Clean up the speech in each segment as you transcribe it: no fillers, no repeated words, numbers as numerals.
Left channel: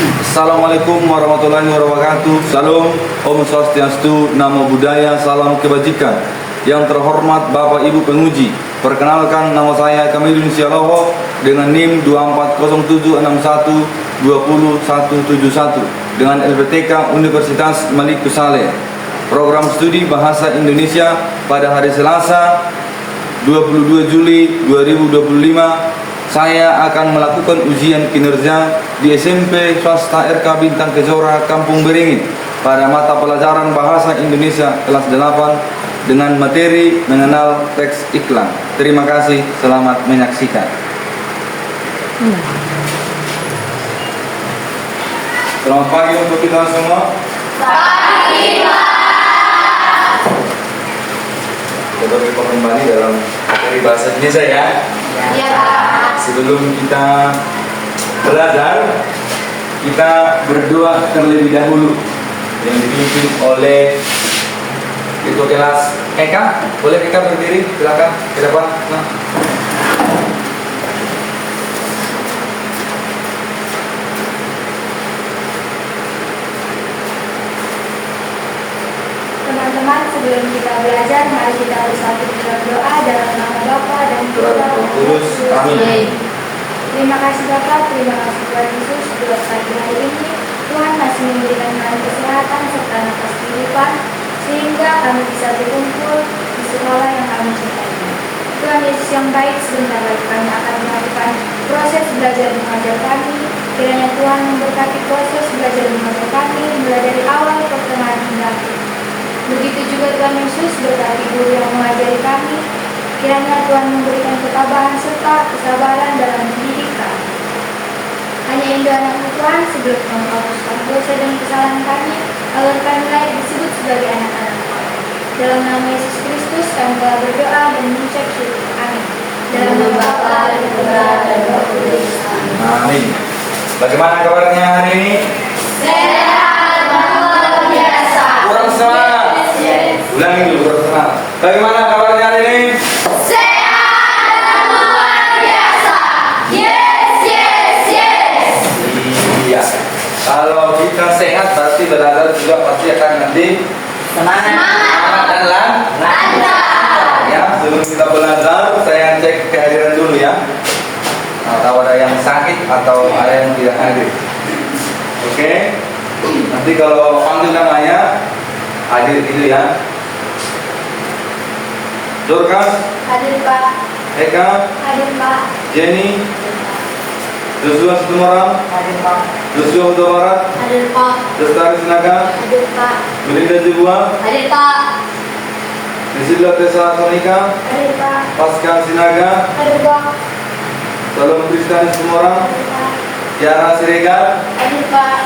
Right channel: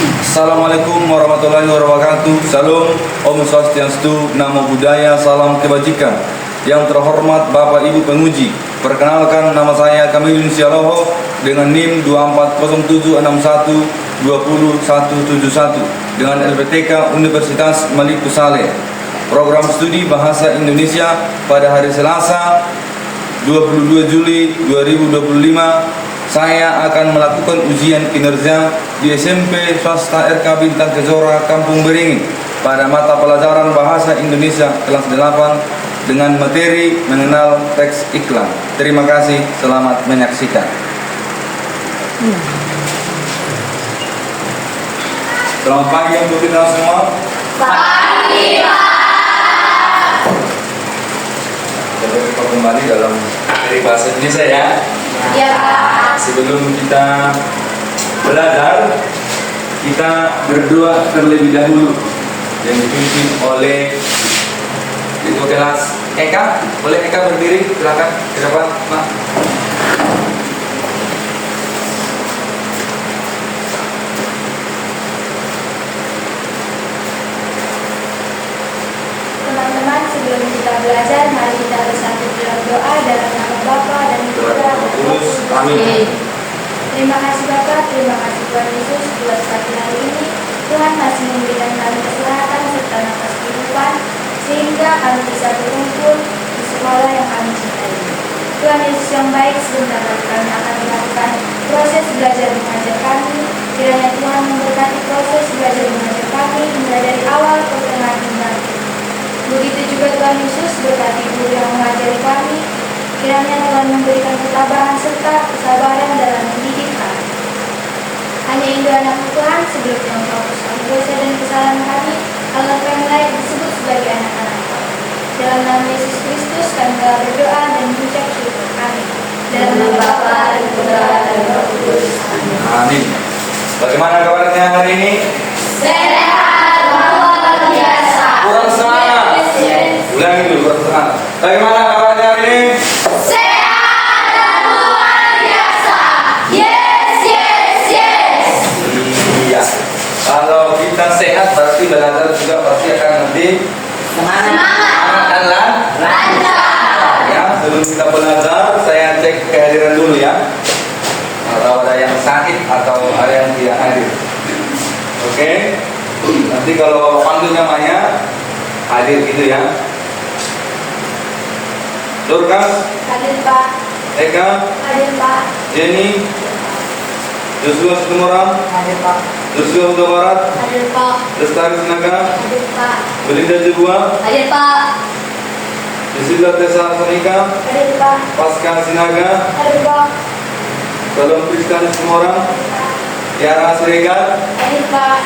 Assalamualaikum warahmatullahi wabarakatuh. Salam, Om Swastiastu, Namo Buddhaya, salam kebajikan. Yang terhormat Bapak Ibu penguji, perkenalkan nama saya Kamilun Sialoho dengan NIM 240761207171 dengan LPTK Universitas Malik Saleh. Program studi Bahasa Indonesia pada hari Selasa 22 Juli 2025. Saya akan melakukan ujian kinerja di SMP Swasta RK Bintang Kejora Kampung Beringin pada mata pelajaran Bahasa Indonesia kelas 8 dengan materi mengenal teks iklan. Terima kasih, selamat menyaksikan. Selamat pagi untuk kita semua. Pagi, Pak. Coba kita kembali dalam materi bahasa Indonesia ya. Ya, Pak. Sebelum kita belajar, kita berdoa terlebih dahulu yang dipimpin oleh itu kelas Eka. Boleh Eka berdiri, silakan ke depan. Nah. Teman-teman, sebelum kita belajar, mari kita bersatu dalam doa dalam nama Bapa dan Putra dan Roh Kudus. Amin. Terima kasih Bapa, terima kasih Tuhan Yesus buat pagi hari ini. Tuhan masih memberikan kami kesehatan serta nafas kehidupan sehingga kami bisa berkumpul di sekolah yang kami cintai. Tuhan Yesus yang baik, sebentar lagi kami akan melakukan proses belajar mengajar kami. Kiranya Tuhan memberkati proses belajar mengajar kami mulai dari awal pertengahan hingga akhir. Begitu juga Tuhan Yesus berkati guru yang mengajari kami. Kiranya Tuhan memberikan ketabahan serta kesabaran dalam mendidik kami. Hanya Indo anak Tuhan sebelum menghapuskan dosa dan kesalahan kami, agar kami layak disebut sebagai anak-anak. Dalam nama Yesus Kristus kami telah berdoa dan mengucap syukur. Amin. Dalam nama Bapa dan Putra dan Roh Kudus. Amin. Amin. Bagaimana kabarnya hari ini? Sehat luar biasa. Kurang semangat. Ulangi dulu, kurang semangat. Bagaimana kabarnya hari ini? Sehat luar biasa. Yes, yes, yes. Iya. Kalau kita sehat berarti belajar juga pasti akan nanti semangat dan lancar. Ya, sebelum kita belajar saya cek kehadiran dulu ya. Kalau ada yang sakit atau ada yang tidak hadir. Oke. Nanti kalau panggil namanya hadir gitu ya. Dorcas, Hadir Pak. Eka, Hadir Pak. Jenny, Joshua Situmorang, Hadir Pak. Joshua Huta Barat, Hadir Pak. Lestari Sinaga, Hadir Pak. Belinda Jebua, Hadir Pak. Priscilla Tessa Sonika, Hadir Pak. Pasca Sinaga, Hadir Pak. Salom Kristanis Semorang, Hadir Pak. Tiara Siregar, Hadir Pak.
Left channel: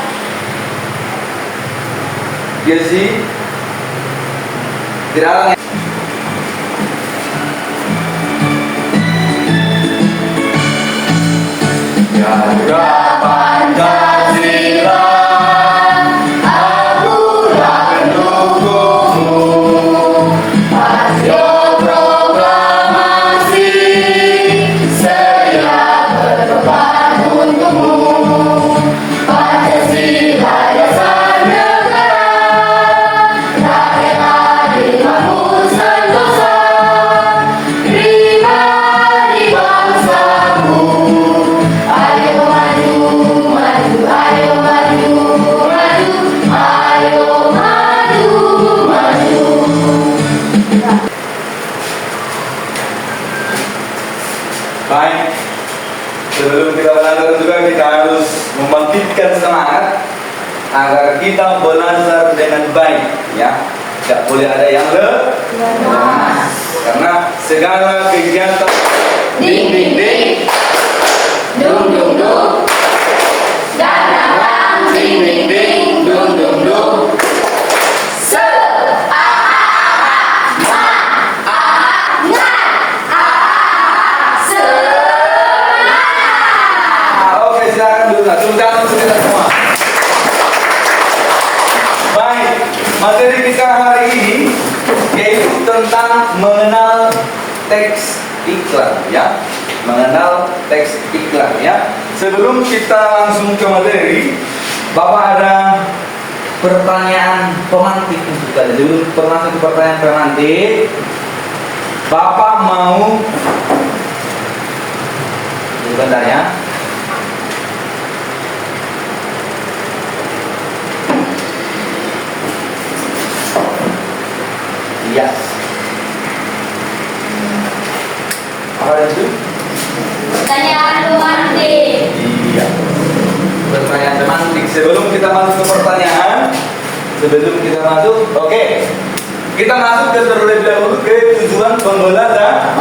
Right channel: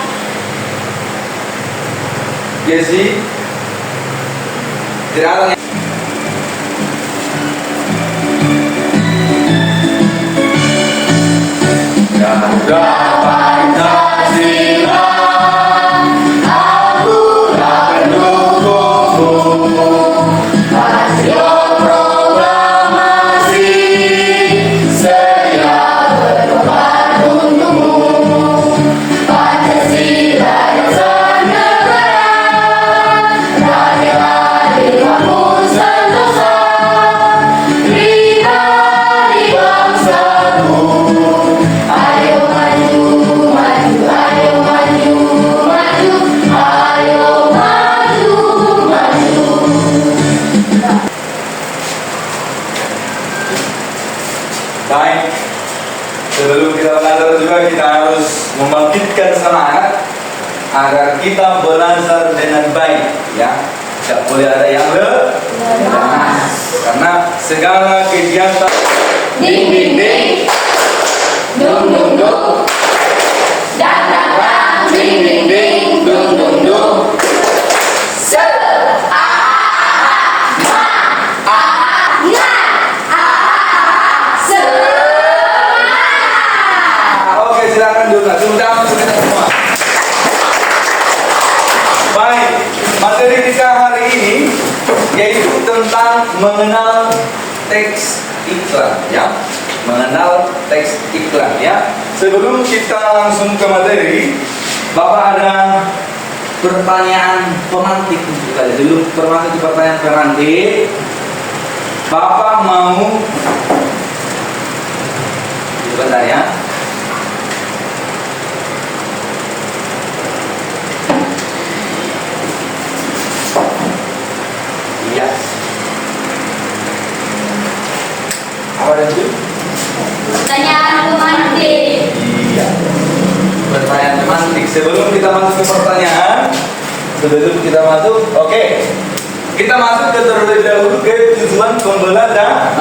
Jesse, tidak ada yang Garuda Pancasila, akulah pendukungmu. Rasio proklamasi, saya berkorban untukmu. Pancasila dasar negara, rakyat adil sentosa, pribadi bangsaku. Ayo maju, maju, ayo maju, maju, ayo maju, maju. Baik, sebelum kita belajar juga kita harus membangkitkan semangat agar kita belajar dengan baik, ya. Tidak boleh ada yang lemas, karena segala kegiatan Ding, ding, ding. Dung, dung, dung. Dadang, ding, ding, ding. Dung, dung, dung. Oke, silakan dulu. Tepuk tangan untuk kita semua. Baik, materi kita hari ini yaitu tentang mengenal teks iklan, ya. Mengenal teks iklan, ya. Sebelum kita langsung ke materi, Bapak ada pertanyaan pemantik untuk kita. Dulu permasuk pertanyaan pemantik. Bapak mau sebentar ya. Iya. Apa itu? Pertanyaan pemantik. Iya. Pertanyaan pemantik. Sebelum kita masuk ke pertanyaan, oke. Kita masuk ke terlebih dahulu ke tujuan pembelajaran.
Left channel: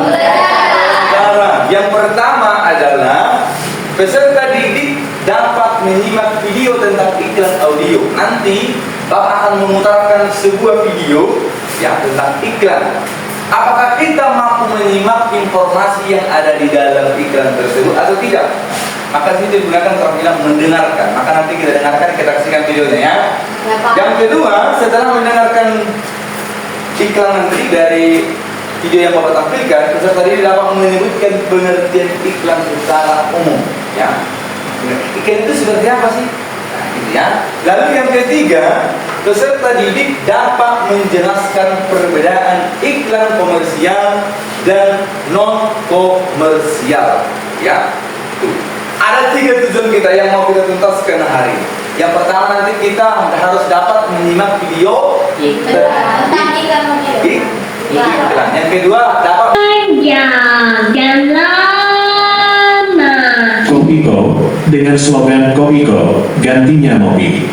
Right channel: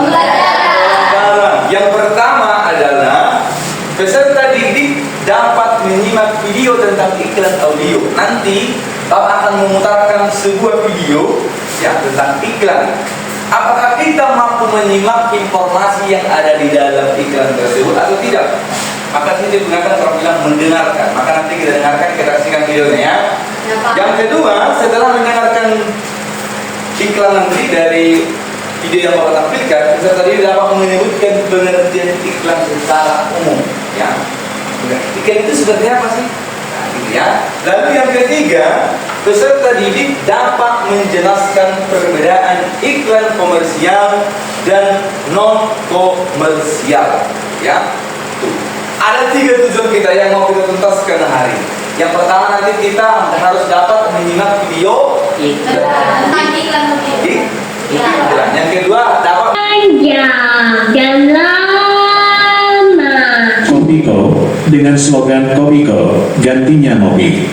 Yang pertama adalah peserta didik dapat menyimak video tentang iklan audio. Nanti Bapak akan memutarkan sebuah video ya tentang iklan. Apakah kita mampu menyimak informasi yang ada di dalam iklan tersebut atau tidak? Maka kita gunakan orang bilang mendengarkan. Maka nanti kita dengarkan, kita saksikan videonya ya. Yang kedua, setelah mendengarkan iklan nanti dari video yang Bapak tampilkan, peserta didik dapat menyebutkan pengertian iklan secara umum. Ya, iklan itu seperti apa sih? Nah, gitu ya. Lalu yang ketiga, peserta didik dapat menjelaskan perbedaan iklan komersial dan non komersial. Ya, tuh. Ada 3 tujuan kita yang mau kita tuntaskan hari ini. Yang pertama nanti kita harus dapat menyimak video iklan. Yang kedua dapat panjang dan lama. Kopiko dengan slogan Kopiko gantinya Mopi.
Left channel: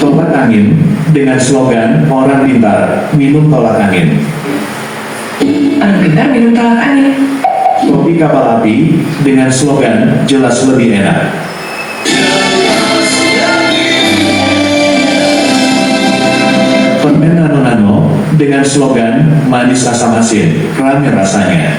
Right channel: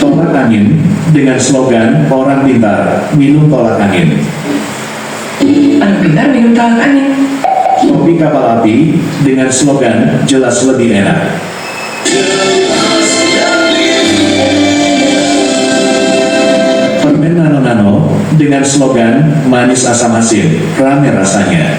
Tolak angin dengan slogan orang pintar minum tolak angin. Anak pintar minum tolak angin. Kopi kapal api dengan slogan jelas lebih enak. Permen nano-nano dengan slogan manis asam asin, ramai rasanya.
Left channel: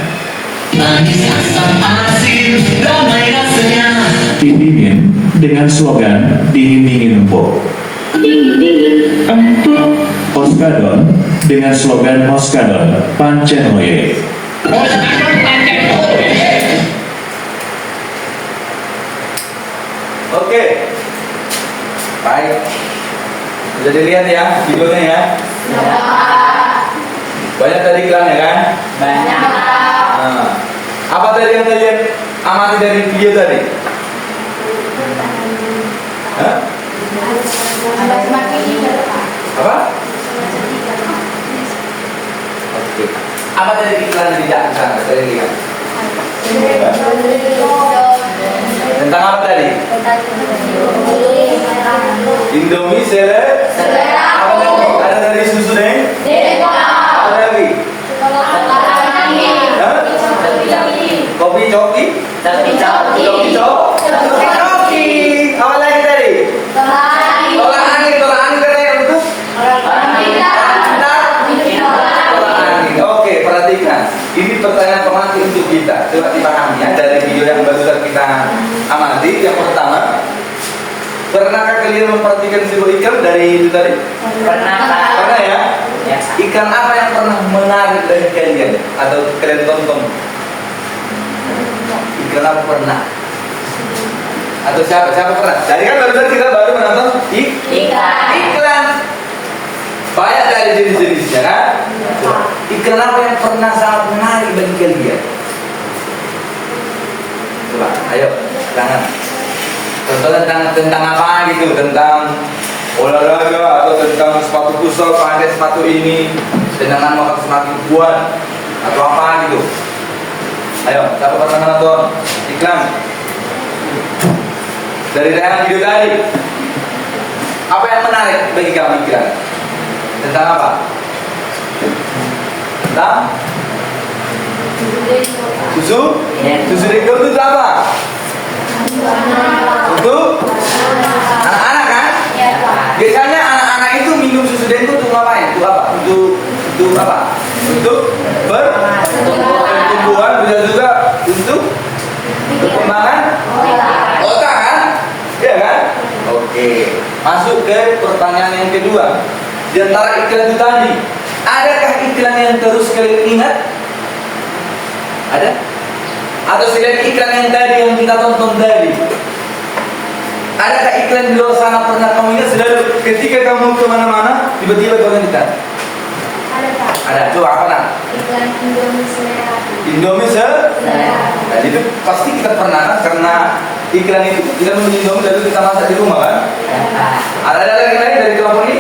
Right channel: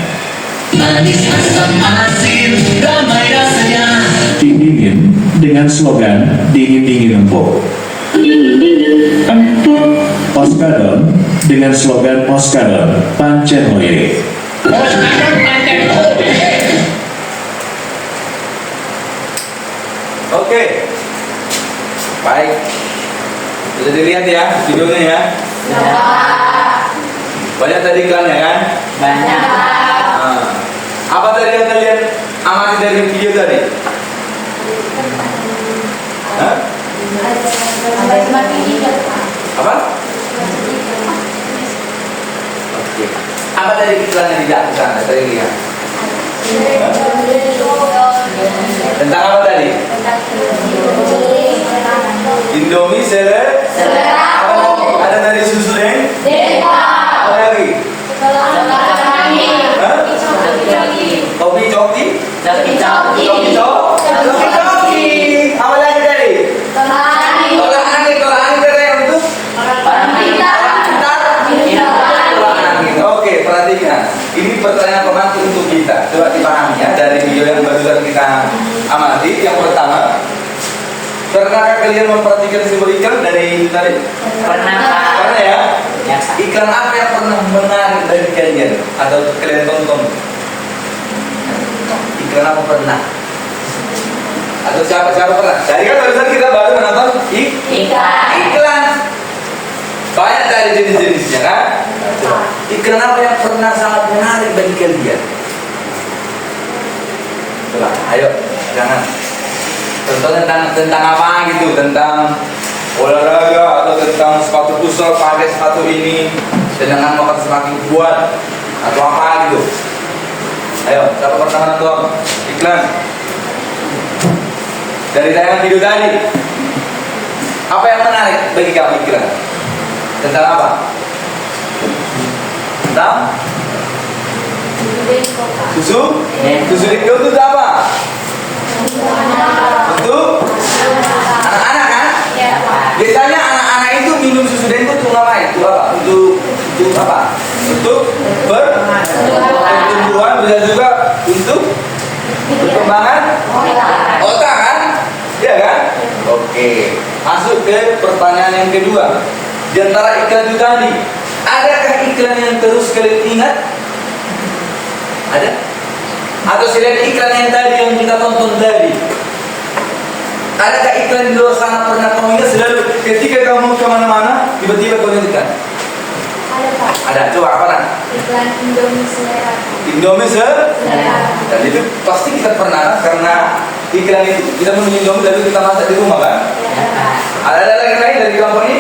Manis asam asin, ramai rasanya. Tim dingin dengan slogan dingin-dingin empuk. Dingin empuk. Oskadon dengan slogan Oskadon pancen hoye. Oke. Baik. Sudah dilihat ya videonya ya? Banyak tadi iklannya kan? Banyak. Nah, apa tadi yang kalian amati dari video tadi? Hah? Apa? Oke. Apa tadi iklan yang dijatuhkan? Tadi lihat. Tentang apa tadi? Indomie selera. Apa lagi? Ada dari susu deh. Apa lagi? Hah? Kopi coki. Kopi coki. Apa lagi tadi? Tolak angin katanya untuk orang pintar. Tolak angin. Oke, perhatikan. Ini pertanyaan pemantik untuk kita. Coba dipahami ya dari video yang barusan kita amati. Yang pertama, pernahkah kalian memperhatikan simbol iklan dari itu tadi? Pernah. Pernah ya? Iklan apa yang pernah menarik dari kalian atau kalian tonton? Iklan apa pernah? Atau siapa pernah? Tadi kan barusan kita baru menonton iklan. Banyak dari jenis-jenisnya kan? Coba. Iklan apa yang pernah sangat menarik bagi kalian? Coba, ayo, jangan. Contoh tentang apa gitu? Tentang olahraga atau tentang sepatu futsal, pakai sepatu ini dengan makan semakin kuat atau apa gitu? Ayo, siapa pernah nonton iklan? Dari tayangan video tadi, apa yang menarik bagi kamu iklan? Tentang apa? Tentang susu? Susu Denggo itu apa? Untuk anak-anak kan? Biasanya anak-anak itu minum susu Denggo untuk ngapain? Untuk apa? Untuk apa? Untuk pertumbuhan, bisa juga untuk perkembangan otak kan? Iya kan? Oke. Masuk ke pertanyaan yang kedua. Di antara iklan itu tadi, adakah iklan yang terus kalian ingat? Ada? Atau selain iklan yang tadi yang kita tonton tadi, adakah iklan di luar sana pernah kamu lihat? Selalu ketika kamu kemana-mana, tiba-tiba kau lihat iklan. Ada Pak. Ada, coba apa nak? Iklan Indomie Selera. Indomie Selera. dan itu pasti kita pernah karena iklan itu kita membeli Indomie lalu kita masak di rumah kan? Ya Pak. Ada lagi lain dari kelompok ini?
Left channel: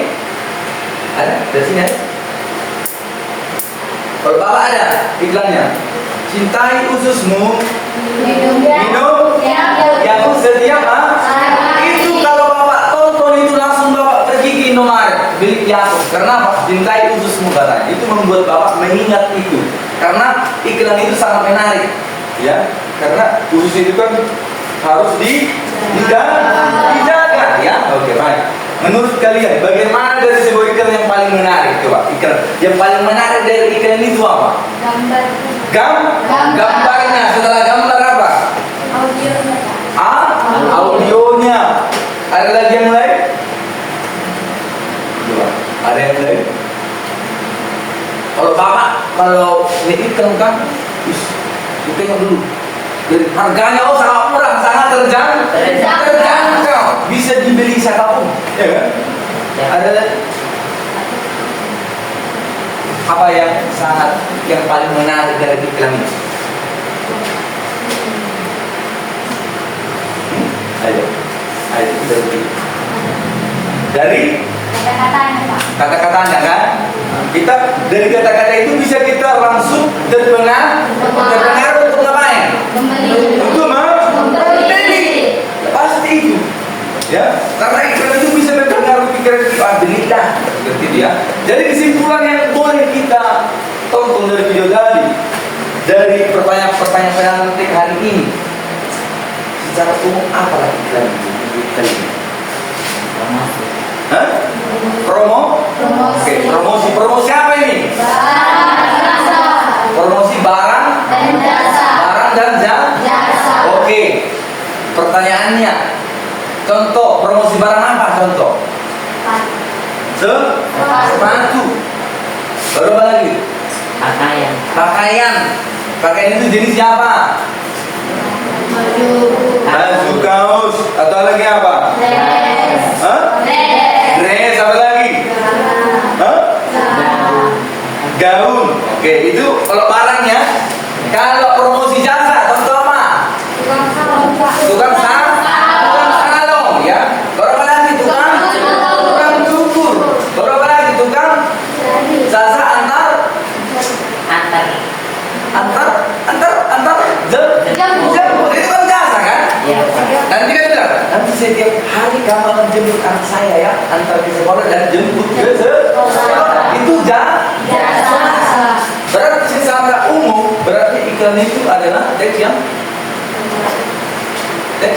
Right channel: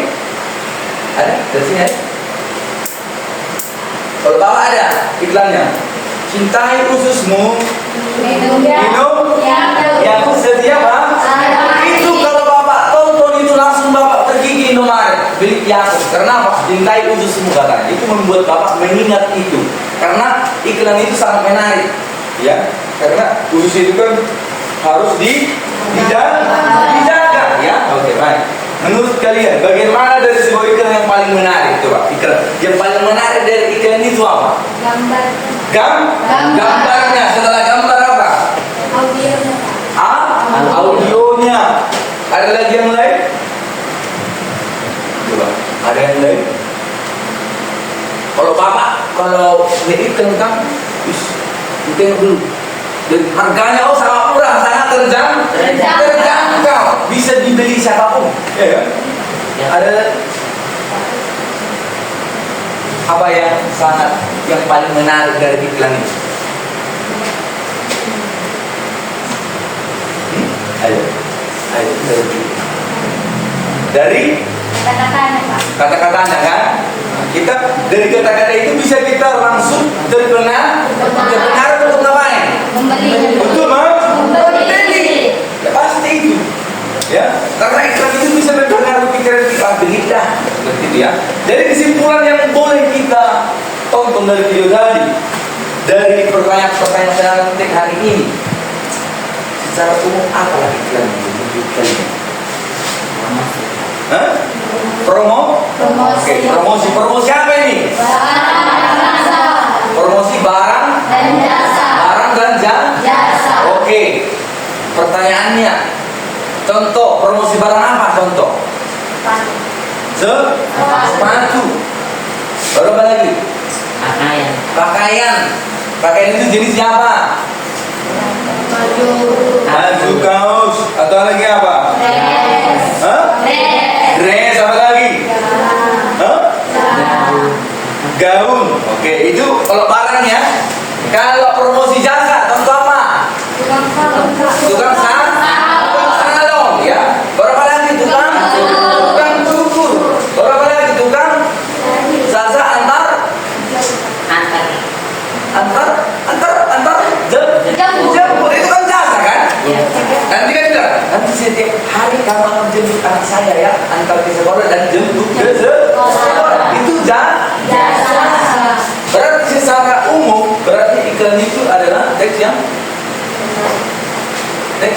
Ada dari sini ada? Kalau bapak ada iklannya, cintai ususmu, minum yang setia Pak. Itu kalau bapak tonton itu langsung bapak pergi ke Indomaret beli Yakult. Karena apa? Cintai ususmu katanya. Itu membuat bapak mengingat itu. Karena iklan itu sangat menarik, ya. Karena usus itu kan harus dijaga, ya. Oke, baik. Menurut kalian, bagaimana dari sebuah iklan yang paling menarik? Coba, iklan yang paling menarik dari iklan itu apa? Gambar. Gambarnya. Setelah gambar apa? Audionya Pak. Audionya. Ada lagi yang lain? Coba, ada yang lain? Kalau bapak, kalau iklan kan, tengok dulu. Dari harganya sangat murah, sangat terjangkau, bisa dibeli siapapun, ya kan? Ada apa yang paling menarik dari iklan ini? Ayo, kita beri. Dari Kata-katanya Pak. kata-katanya kan? Kita dari kata-kata itu bisa kita langsung terpengaruh untuk ngapain? Untuk membeli. Ya pasti itu. Ya, karena iklan itu bisa mempengaruhi pikiran kita, belilah gitu ya. Dari kesimpulan yang boleh kita tonton dari video tadi, dari pertanyaan penting hari ini, secara umum apalah iklan itu? Promosi. Oke, promosi apa ini? Promosi barang dan jasa. Oke. Pertanyaannya, contoh promosi barang apa? Contoh. Sepatu. Baru apa lagi? Pakaian itu jenisnya apa? Baju, kaos, atau lagi apa? Dress, apa lagi? Gaun. Oke, itu kalau barangnya. Kalau promosi jasa, contoh apa? Tukang salon, ya. Berapa lagi tukang cukur? Berapa lagi tukang jasa antar jemput. Itu kan jasa kan? Nanti kan bilang, nanti setiap hari kamu akan jemput anak saya ya, antar ke sekolah dan jemput ke sekolah. Itu jasa. Berarti secara umum, berarti iklan itu adalah teks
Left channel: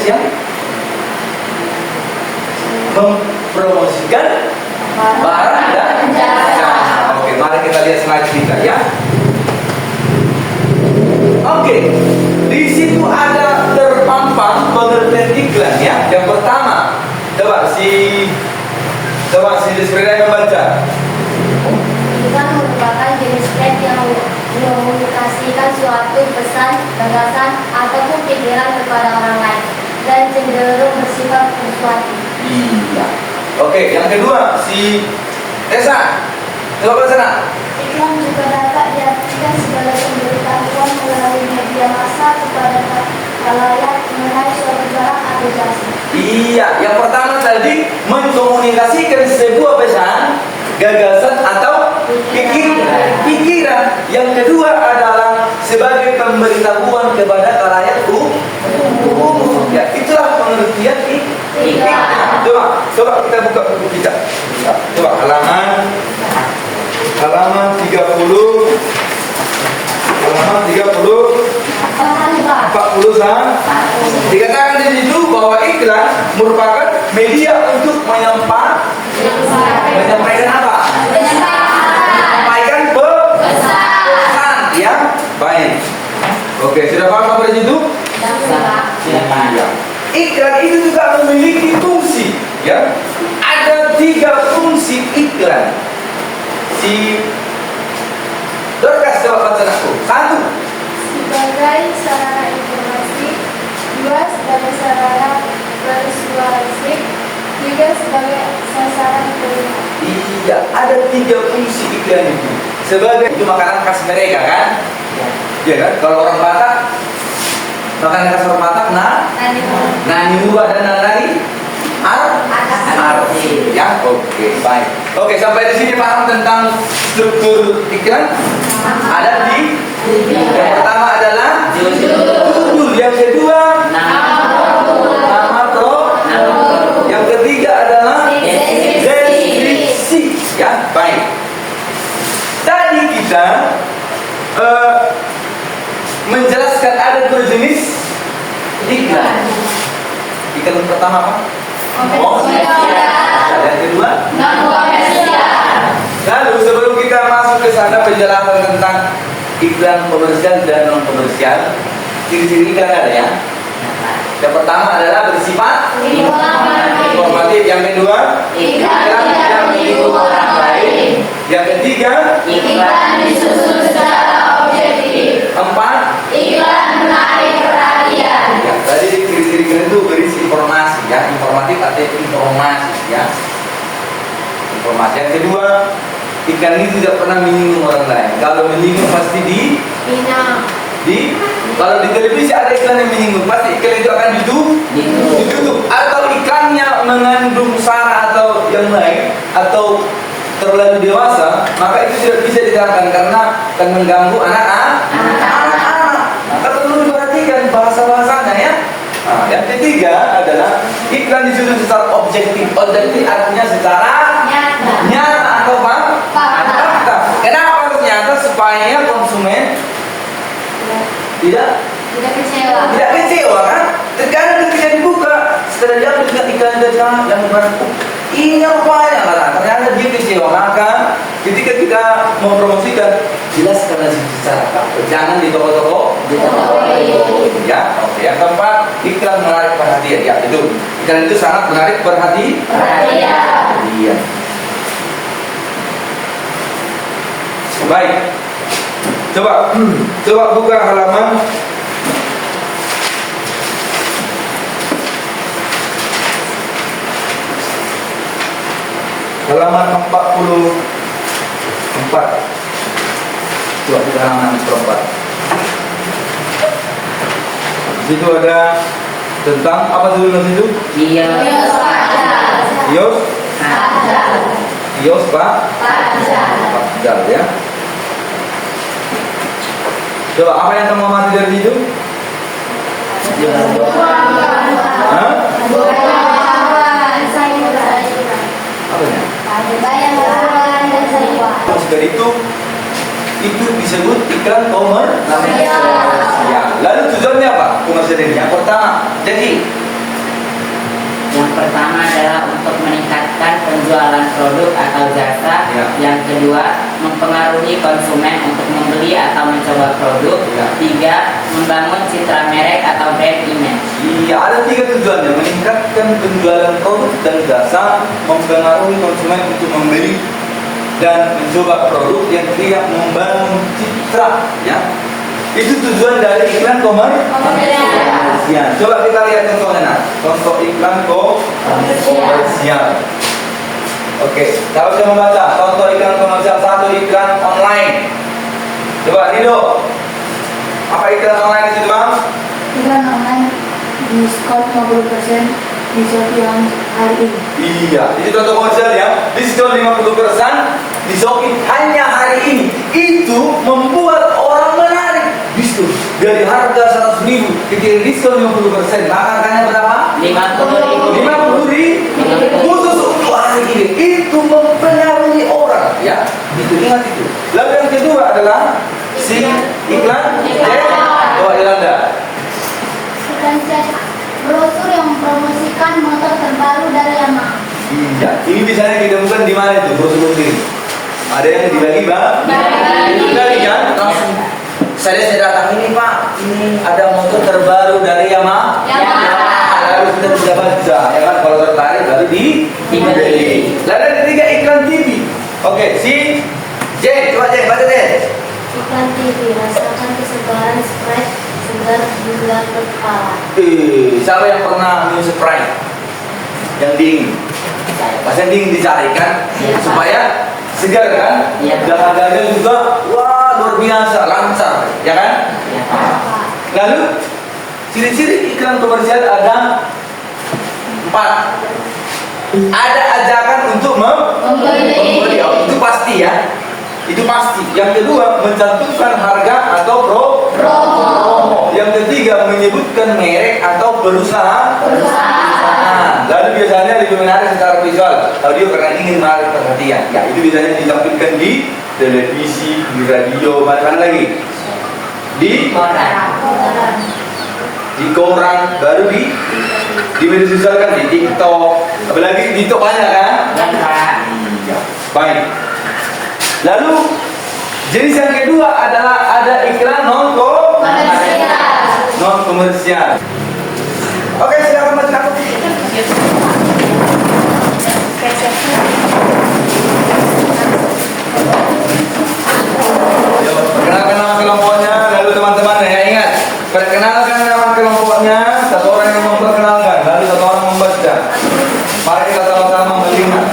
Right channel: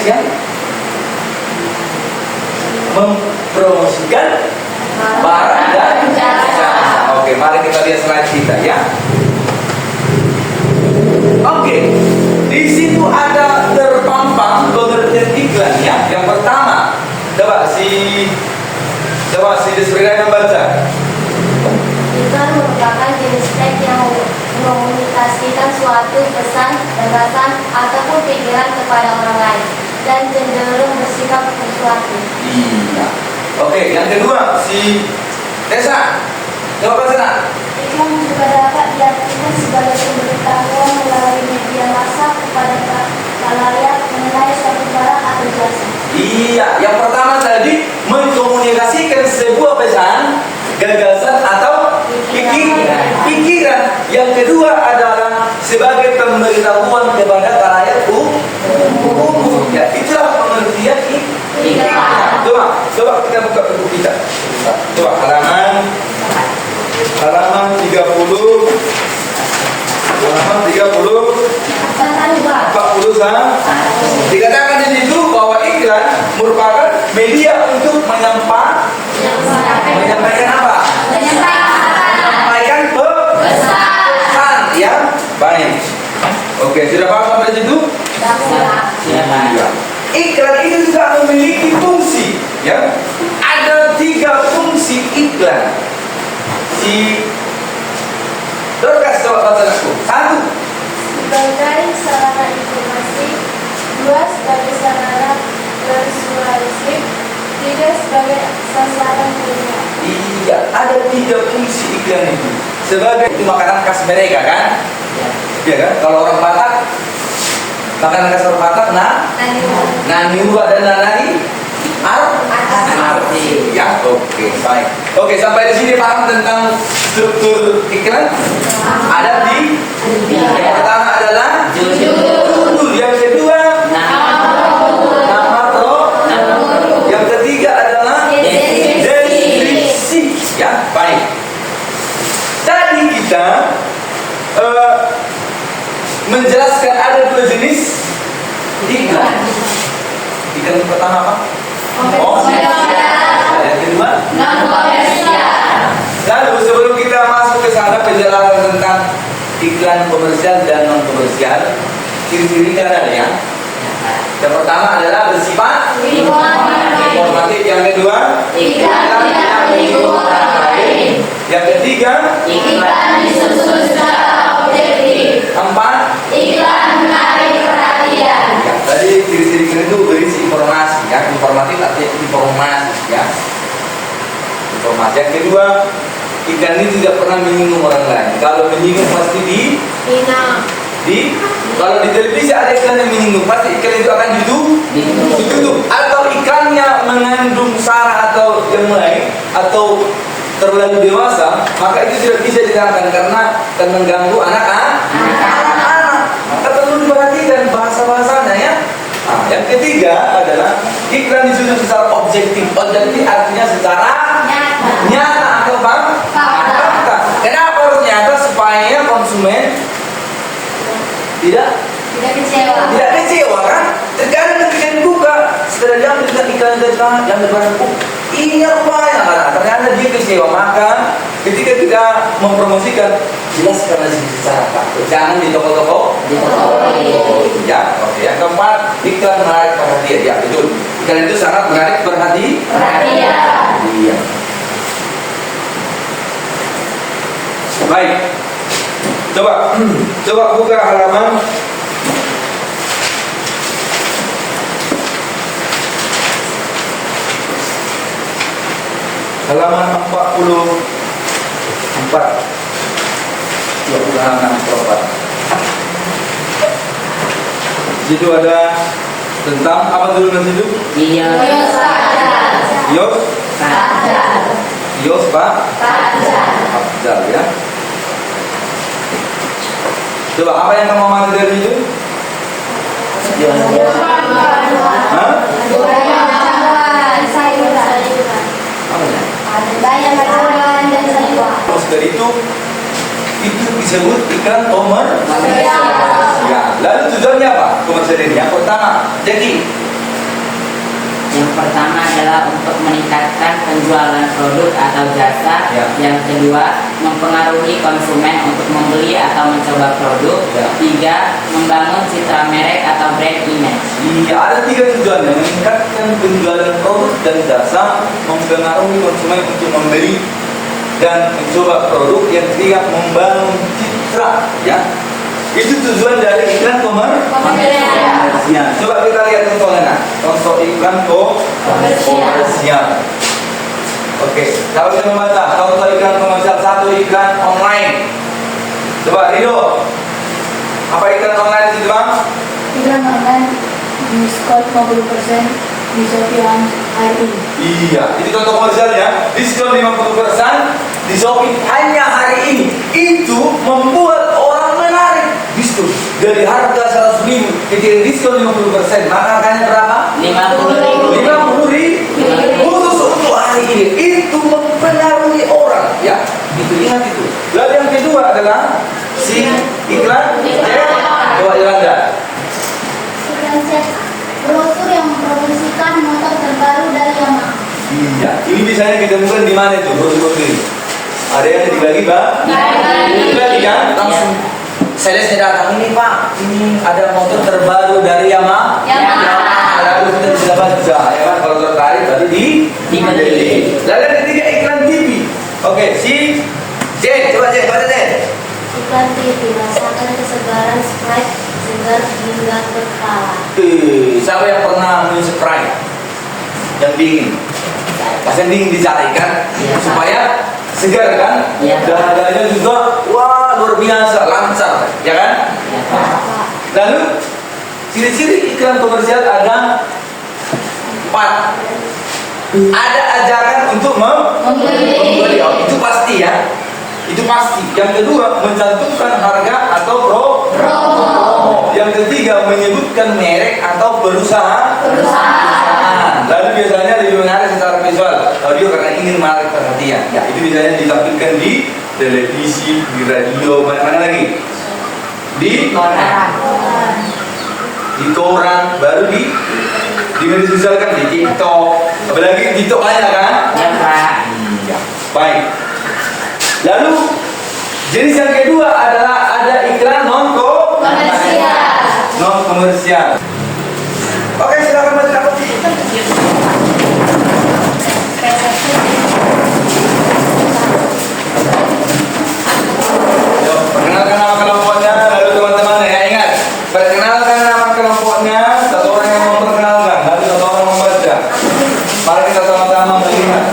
yang mempromosikan barang dan jasa. Oke, mari kita lihat slide kita ya. Oke, di situ ada terpampang pengertian iklan ya. Yang pertama, coba si Desprida yang baca. Iklan merupakan jenis teks yang mengomunikasikan suatu pesan, gagasan, ataupun pikiran kepada orang lain dan cenderung bersifat persuasif. Iya. Oke, yang kedua si Esa. Coba baca nak. Iklan juga dapat diartikan sebagai pemberitahuan melalui media massa kepada khalayak mengenai suatu barang atau jasa. Iya, yang pertama tadi mengkomunikasikan sebuah pesan, gagasan atau pikiran. Yang kedua adalah sebagai pemberitahuan kepada khalayak umum. Ya, itulah pengertian iklan. Coba kita buka buku kita. Coba halaman 30. Halaman 40 dikatakan di situ bahwa iklan merupakan media untuk menyampaikan apa? Menyampaikan pesan, ya. Baik. Oke, sudah paham sampai situ? Ya. Iklan itu juga memiliki fungsi, ya. Ada 3 fungsi iklan. Si Dorcas coba baca aku. 1. sebagai sarana informasi, 2 sebagai sarana persuasif, 3 sebagai sasaran penilaian. Iya, ada 3 fungsi iklan itu. Sebagai itu makanan khas mereka kan? Iya kan? Kalau orang Batak, makanan khas orang Batak, nani uwa dan nani arti. Ya, oke, baik. Oke, sampai di sini paham tentang struktur iklan? Ada di yang pertama adalah judul, yang kedua nama produk, yang ketiga adalah deskripsi. Ya, baik. Tadi kita menjelaskan ada 2 jenis iklan. Iklan pertama apa? Ada yang kedua? Lalu sebelum kita masuk ke sana penjelasan tentang iklan komersial dan non komersial, ciri-ciri iklan ada ya? Yang pertama adalah bersifat informatif, yang kedua iklan yang menyinggung orang lain, yang ketiga Iklan disusun secara objektif. 4 Iklan menarik perhatian. ya, tadi ciri-ciri iklan itu berisi informasi ya, informatif atau informasi ya. Informasi. Yang kedua, iklan ini tidak pernah menyinggung orang lain. Kalau menyinggung pasti kalau di televisi ada iklan yang menyinggung, pasti iklan itu akan ditutup. Atau iklannya mengandung sara atau yang lain atau terlalu dewasa, maka itu tidak bisa ditayangkan karena akan mengganggu anak-anak. Maka perlu diperhatikan bahasa-bahasanya ya. Nah, yang ketiga adalah iklan disusun secara objektif. Objektif artinya secara nyata atau fakta. Kenapa harus nyata? Supaya konsumen tidak kecewa kan? Terkadang ketika dibuka setelah dia melihat iklan tentang dan berbarang, ini rupanya kan? Ternyata dia kecewa. Maka ketika kita mempromosikan, jelaskan secara fakta. Jangan di toko-toko. Ya, oke. Yang keempat, iklan menarik perhatian. Ya, betul. Iklan itu sangat menarik perhatian. Iya. Baik. Coba buka halaman halaman 44. Coba buka halaman 44. Di situ ada tentang apa dulu di situ? Kios Padahal ya. Coba apa yang kamu amati dari situ? Hah? Dari itu disebut iklan komersial. Ya. Lalu tujuannya apa? Komersial ini yang pertama. Jadi Yang pertama adalah untuk meningkatkan penjualan produk atau jasa. Ya. Yang kedua, mempengaruhi konsumen untuk membeli atau mencoba produk. Ya. 3, membangun citra merek atau brand image. iya, ada 3 tujuannya: meningkatkan penjualan produk dan jasa, mempengaruhi konsumen untuk membeli dan mencoba produk. Yang ketiga, membangun citra. Ya, itu tujuan dari iklan komersial. Coba kita lihat contohnya. Contoh iklan komersial. Oke, kalau kita membaca contoh iklan komersial, 1 iklan online. Coba Rido, apa iklan online itu bang? Iklan online diskon 50% di Shopee hari ini. Iya, itu contoh komersial ya. Diskon 50% di Shopee hanya hari ini. Itu membuat orang menarik. Diskon dari harga 100.000 ketika diskon 50%, maka harganya berapa? 50.000 khusus untuk hari ini. Itu mempengaruhi orang ya. Itu ingat itu. Lalu yang kedua adalah si iklan Coba Yolanda. Iklan cetak brosur yang mempromosikan motor terbaru dari Yamaha. Iya, ini biasanya kita bukan di mana itu brosur-brosur ini. Ada yang dibagi, Pak? Dibagi kan? Langsung salesnya datang, ini Pak, ini ada motor terbaru dari Yamaha. Lalu kita bisa baca, ya kan? Kalau tertarik baru dibeli. Lalu yang ketiga iklan TV. Oke, si J, coba J, baca J. Iklan Makan TV, rasakan kesegaran Sprite segar hingga ke kepala. Siapa yang pernah minum Sprite yang dingin? Pas yang dingin dicari kan, supaya segar kan, dan harganya juga wah luar biasa, lancar, ya kan? Lalu ciri-ciri iklan komersial ada 4. Ada ajakan untuk membeli. Oh, itu pasti ya. Itu pasti. Yang kedua, mencantumkan harga atau promo. Yang ketiga, menyebutkan merek atau perusahaan. Lalu biasanya lebih menarik secara visual. Audio karena ingin menarik perhatian. Ya, itu biasanya ditampilkan di televisi, di radio, mana lagi? Di koran, baru di media sosial kan, di TikTok. Apalagi di TikTok banyak kan? Ya, baik. Lalu jenis yang kedua adalah ada iklan non komersial. Oke, silakan baca apa? Perkenalkan nama kelompoknya, lalu teman-teman ya ingat, perkenalkan nama kelompoknya, satu orang yang memperkenalkan, lalu satu orang membaca. Mari kita sama-sama melihat.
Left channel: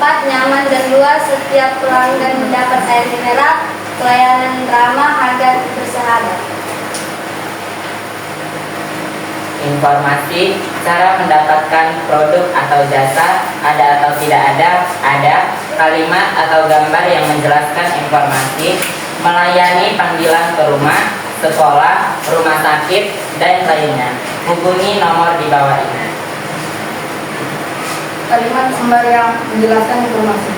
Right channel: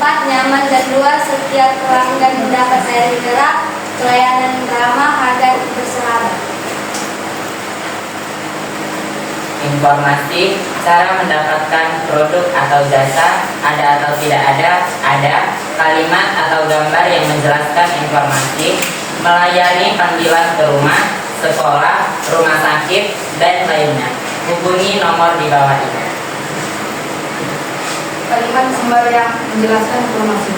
4. Nyaman dan luas, setiap pelanggan mendapat air mineral, pelayanan ramah, harga bersahabat. Informasi cara mendapatkan produk atau jasa, ada atau tidak ada, kalimat atau gambar yang menjelaskan informasi, melayani panggilan ke rumah, sekolah, rumah sakit, dan lainnya. Hubungi nomor di bawah ini. Kalimat gambar yang menjelaskan informasi.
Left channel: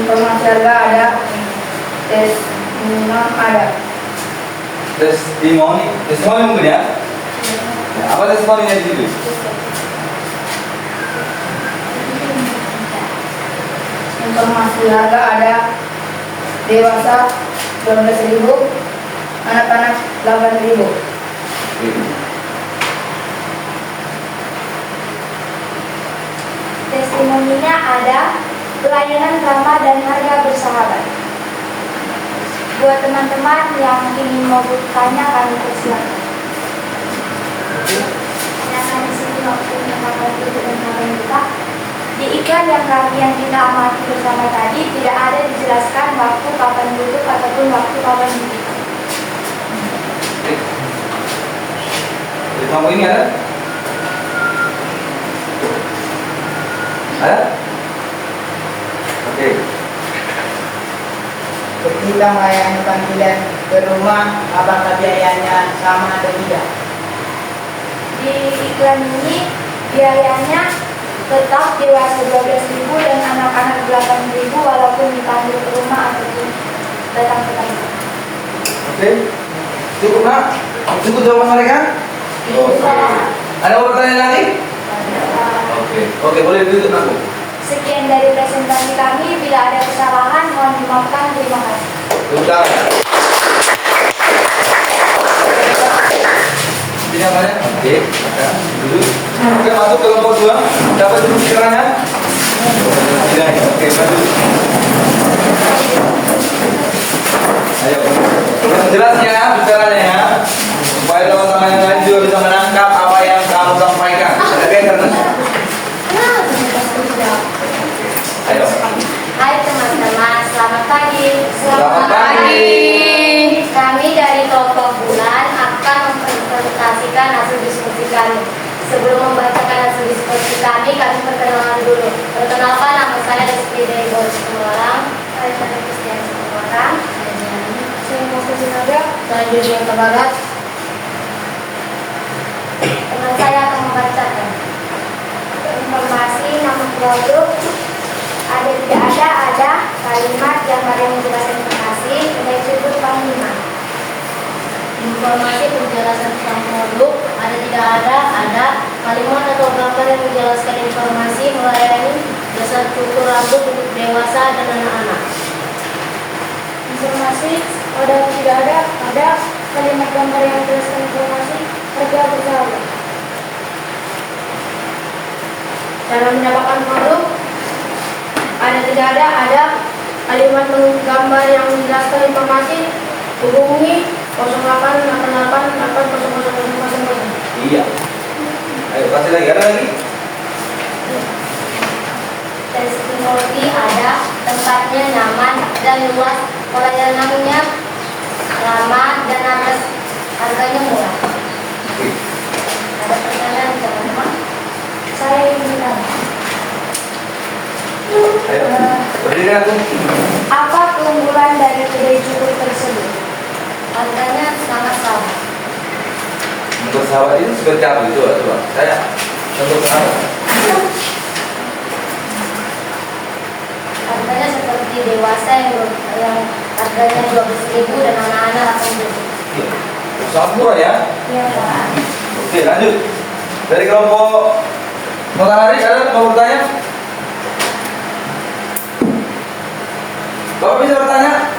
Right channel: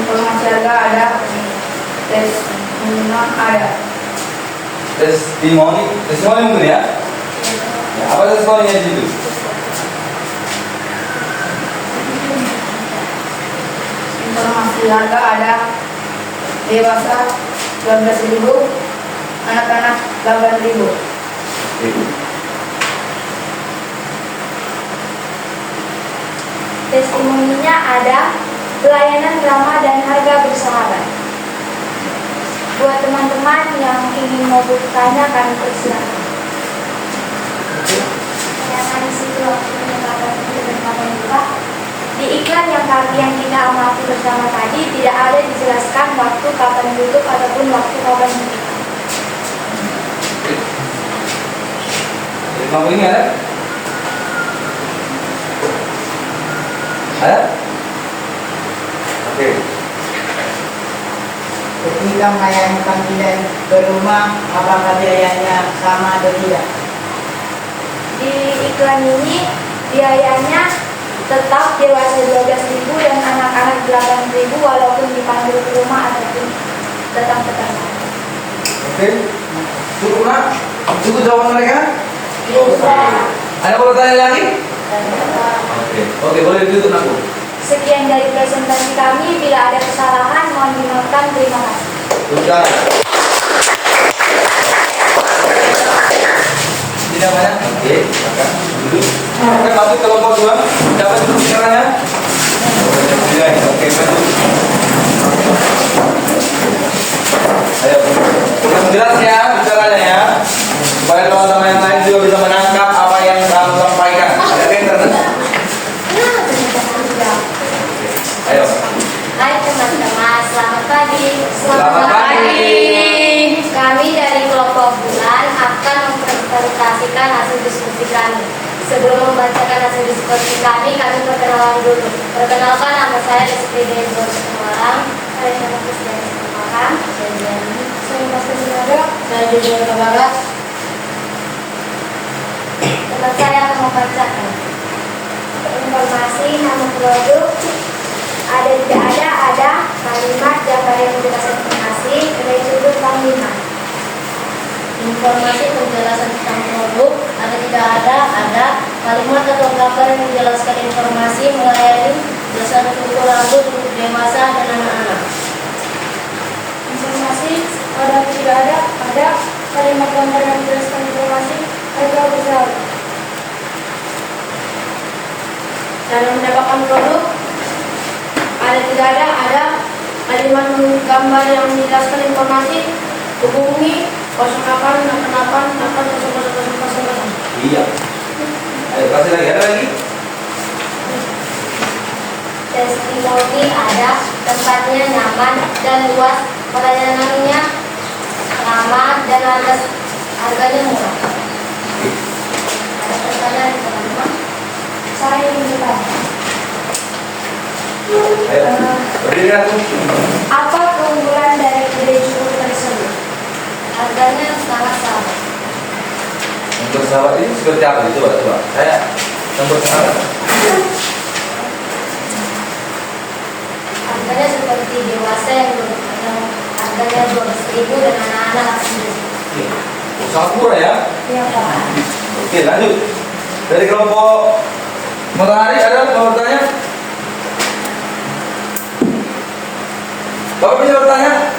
Informasi harga ada, tes minimum ada. Testimoni mungkin ya? Apa testimoninya di situ? Informasi harga ada, dewasa 12.000, anak-anak 8.000. Testimoninya ada, pelayanan ramah dan harga bersahabat. Buat teman-teman yang ingin mau bertanya, kami persilakan. Ternyata di situ waktu mendengarkan kita. Di iklan yang kita amati bersama tadi tidak ada dijelaskan waktu kapan tutup ataupun waktu kapan buka. Jadi kamu ini ada? Ada? Oke. Ketika melayani panggilan ke rumah, apakah biayanya sama atau tidak? Di iklan ini biayanya tetap dewasa 12.000 dan anak-anak 8.000 walaupun dipanggil ke rumah ataupun datang ke kantor. Oke. Cukup nak? Cukup jawaban mereka? Ada mau bertanya lagi? Oke, boleh ditutup aku. Sekian dari presentasi kami. Bila ada kesalahan, mohon dimaafkan. Terima kasih. Sudah. Tidak banyak? Oke, maka dulu. Oke, masuk kelompok 2. Dapat dulu bicaranya? Tidak. Oke, bantu. Ayo. Yang jelas ya bicaranya ya. Supaya teman-teman yang lain juga bisa menangkap apa yang kamu sampaikan. Ada better kan? Ayo. Hai teman-teman, selamat pagi. Selamat pagi. Kami dari kelompok bulan akan mempresentasikan hasil diskusi kami. Sebelum membacakan hasil diskusi kami perkenalan dulu. Perkenalkan, nama saya SPD Semarang. Saya Kristiani Semarang. Saya Mas Sinaga. Saya Judi Kota Barat. Teman saya akan membacakan informasi nama produk. Ada tidak ada kalimat gambar yang menjelaskan informasi, ada disebut panggilan. Informasi penjelasan tentang produk, ada tidak ada kalimat atau gambar yang menjelaskan informasi, melayani jasa cukur rambut untuk dewasa dan anak-anak. Informasi ada tidak ada kalimat gambar yang menjelaskan informasi, harga bersahabat. Cara mendapatkan produk ada kalimat gambar yang menjelaskan informasi. Hubungi 0888800000. Iya. Ayo kasih lagi, ada lagi. Testimoni ada tempatnya nyaman dan luas, pelayanannya ramah dan harganya murah. Ada pertanyaan teman-teman? Saya ingin bertanya. Ayo, berdiri aku. Apa keunggulan dari kedai cukur tersebut? Harganya sangat sama. Bersahabat itu seperti apa itu? Coba, saya bersahabat. Harganya seperti dewasa yang harganya 12.000 dan anak-anak 8.000. Sangat murah ya. Iya Pak. Oke, lanjut. Dari kelompok matahari ada mau bertanya? Bapak bisa bertanya?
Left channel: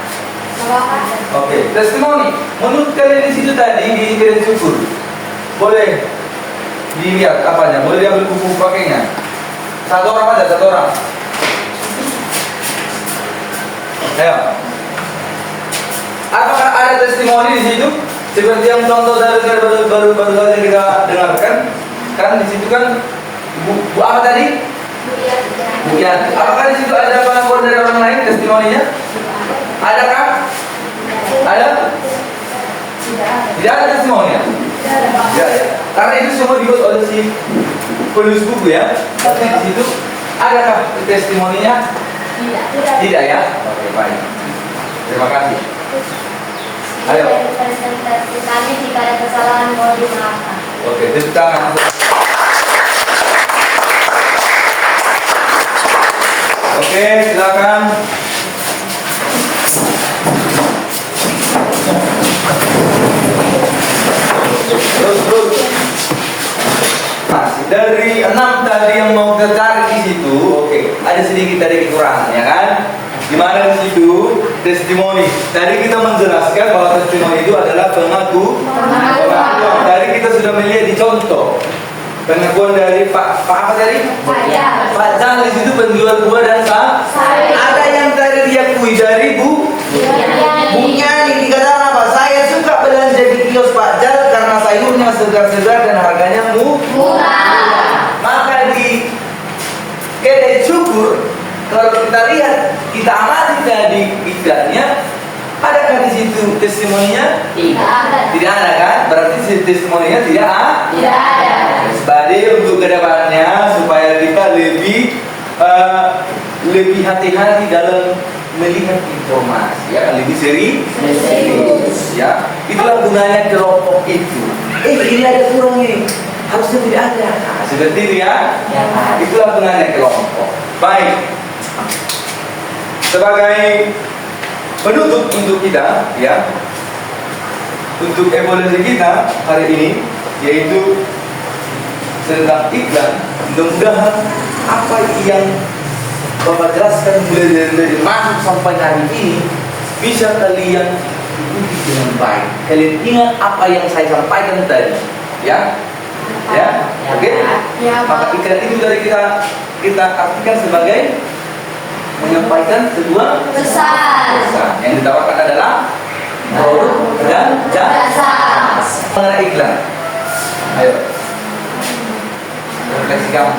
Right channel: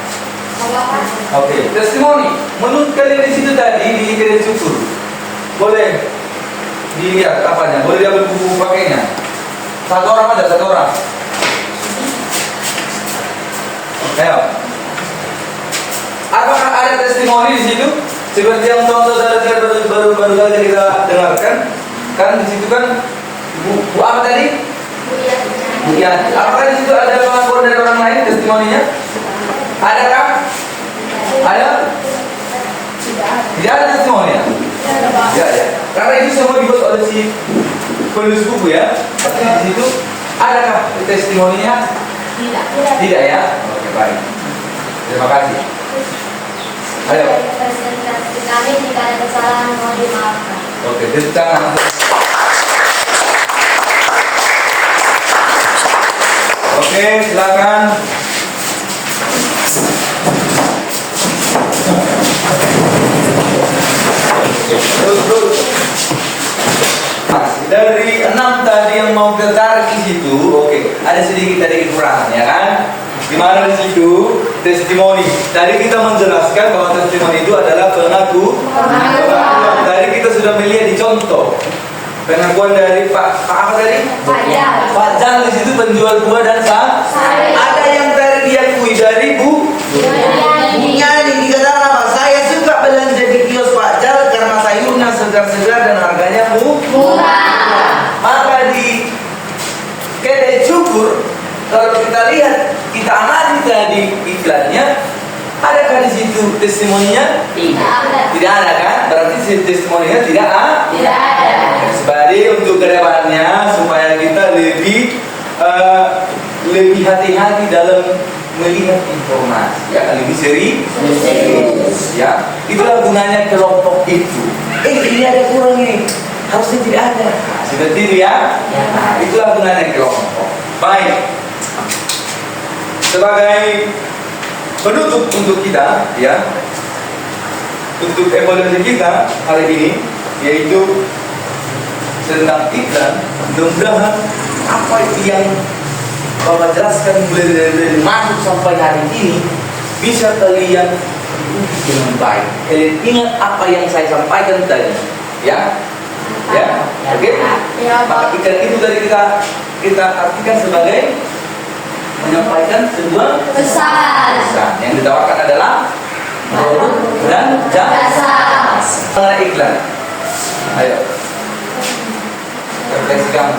Bapak. Oke, testimoni. Menurut kalian di situ tadi di kedai cukur, boleh dilihat apanya? Boleh diambil buku pakainya? Satu orang aja, satu orang. Ayo. Apakah ada testimoni di situ? Seperti yang contoh baru saja kita dengarkan, kan di situ kan bu apa tadi? Bu Yanti. Apakah di situ ada pengakuan dari orang lain testimoninya? Adakah? Ada? Tidak ada testimoninya. Ya, ya. Karena itu semua dibuat oleh si penulis buku ya. Tapi di situ adakah testimoninya? Tidak ya. Oke, baik. Terima kasih. Ayo. Presentasi kami jika ada kesalahan mohon dimaafkan. Oke, tepuk tangan. Oke, silakan. Terus. Nah, dari 6 tadi yang mau tertarik di situ, oke, ada sedikit dari kekurangan, ya kan? Gimana di situ? Testimoni. Tadi kita menjelaskan bahwa testimoni itu adalah pengakuan. Tadi kita sudah melihat di contoh pengakuan dari Pak apa tadi? Pak Jal di situ penjual buah dan sayur. Ada yang tadi diakui dari Bu Yani dikatakan apa? Saya suka belanja di kios Pak Jal karena sayurnya segar-segar dan harganya murah. Maka di kedai cukur kalau kita lihat, kita amati tadi iklannya, adakah di situ testimoninya? Tidak ada kan? Berarti testimoninya tidak ada. Sebalik untuk kedepannya supaya kita lebih hati-hati dalam melihat informasi, ya, lebih serius. Ya, itulah gunanya kelompok itu. Ini ada kurang ini, harusnya tidak ada. Nah, seperti itu ya. Nah, itulah gunanya kelompok. Baik. Sebagai penutup untuk kita, ya, untuk evaluasi kita hari ini, yaitu tentang iklan. Mudah-mudahan apa yang Bapak jelaskan mulai dari masuk sampai hari ini bisa kalian ikuti dengan baik. Kalian ingat apa yang saya sampaikan tadi, ya, oke? Maka iklan itu dari kita artikan sebagai menyampaikan sebuah pesan. Yang ditawarkan adalah produk dan jasa. Mengenai iklan, ayo refleksikan.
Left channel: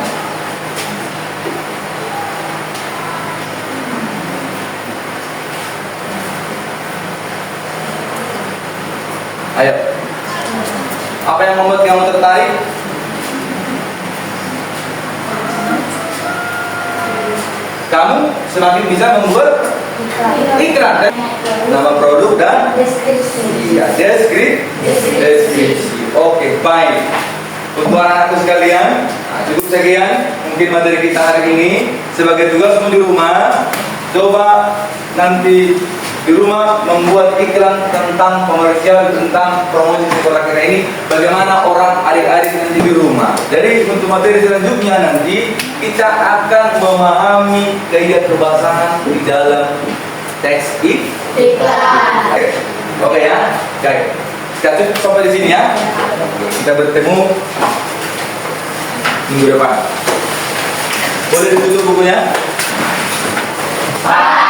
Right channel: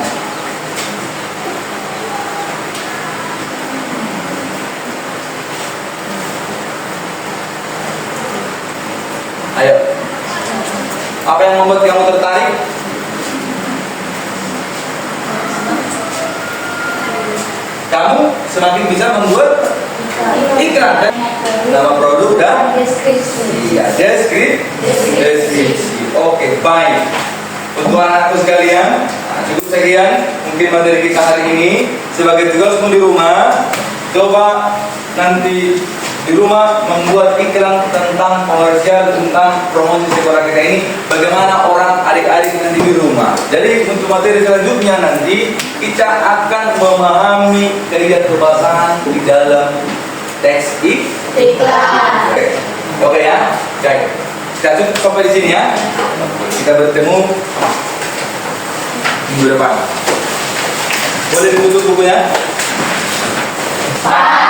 Ayo, apa yang membuat kamu tertarik? Kamu semakin bisa membuat iklan kan? Nama produk dan deskripsi. Oke, baik. Untuk anak-anakku sekalian, cukup sekian mungkin materi kita hari ini. Sebagai tugasmu di rumah, coba nanti di rumah membuat iklan tentang komersial, tentang promosi sekolah kita ini, bagaimana orang adik-adik nanti di rumah. Jadi untuk materi selanjutnya nanti kita akan memahami kaidah kebasahan di dalam teks iklan. Oke ya, baik. Kita cukup sampai di sini ya. Kita bertemu minggu depan. Boleh ditutup bukunya? Pak.